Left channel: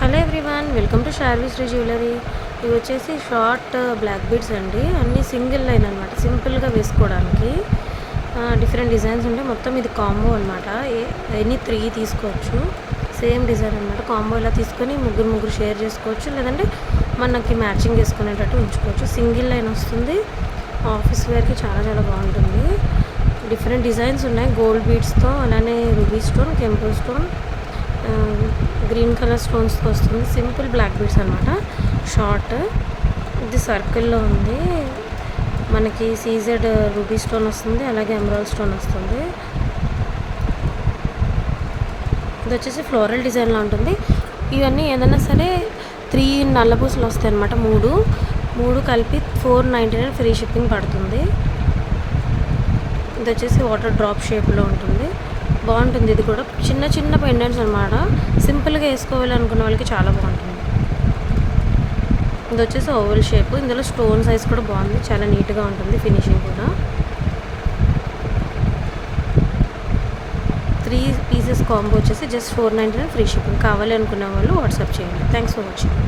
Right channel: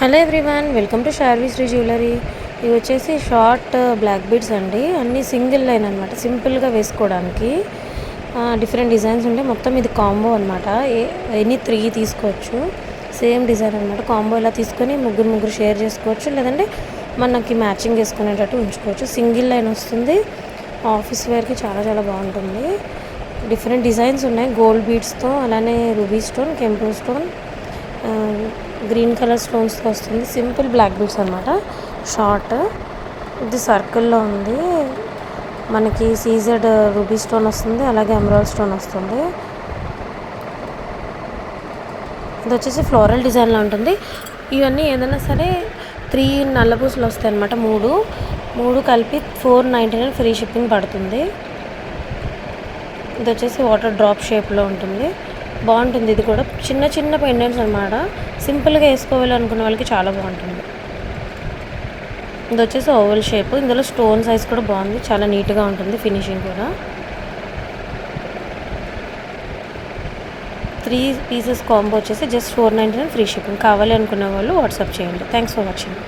Hello everyone, welcome to Sharvi Sri jewellery. ఇవి వచ్చేసి short black beads అండి. అన్నీ సింగిల్ లైన్ అనమాట, సింపుల్గా వేసుకోవడానికి. డిఫరెంట్ డిజైన్స్ ఉంటాయి. మొత్తం ఇది కాంబో అనమాట. ఎనీ 3 తీసుకోవచ్చు. సేమ్ డిజైన్ అనమాట. కాంబో ఇలా తీసుకొని ముగ్గురు షేర్ చేసుకోవచ్చు, లేదంటే మనకి మ్యాచింగ్ వేసుకునేటట్టు ఉంచుకోవచ్చు. సింగిల్ లైన్ వస్తుంది. ఆఫీస్ వేర్కి చాలా చాలా బాగుంటుంది. డిఫరెంట్ డిజైన్స్ ఉన్నాయి. గోల్డ్ బీడ్స్తో, అలానే రూబీ స్టోన్, కెంపు స్టోన్, గ్రీన్ కలర్ స్టోన్స్తో వస్తుంది. సింపుల్ బ్లాక్ బీడ్స్ అనమాట. షార్ట్ ఇది సర్కిల్లో ఉంది. మనకి సీజెడ్ రూబీ స్టోన్ వస్తుంది, అలాగే ఎమరాల్డ్ స్టోన్ వస్తుంది. ఇది వచ్చేసి ఫ్లోరల్ డిజైన్లో ఉంటుంది. ఇవన్నీ ఏదైనా సరే 3 నల్ల పూసలు వస్తాయి అనమాట. మూడు కలిపి 499 ఫ్రీ షిప్పింగ్ పడుతుంది. ఇది వచ్చేసి వాటర్ డ్రాప్ షేప్లో ఉంటుంది. బాగుంటుంది. ఇది కూడా చిన్న చిన్న పెండెంట్స్ అనమాట. సింపుల్గా వేసుకోవాలి అనుకున్న వాళ్ళకి చాలా బాగుంటుంది. ఇది వచ్చేసి ఓవల్ షేప్. ఇందులో స్టోన్ సైజ్ కూడా బాగుంది, చాలా నీట్గా ఉంటుంది. ఫినిషింగ్ కూడా 3 పీసెస్ కాంబో వచ్చేసి జస్ట్ 499 ఫ్రీ షిప్పింగ్. కావాలి అనుకునే వాళ్ళు వాట్సాప్ చేయండి. Thanks for watching.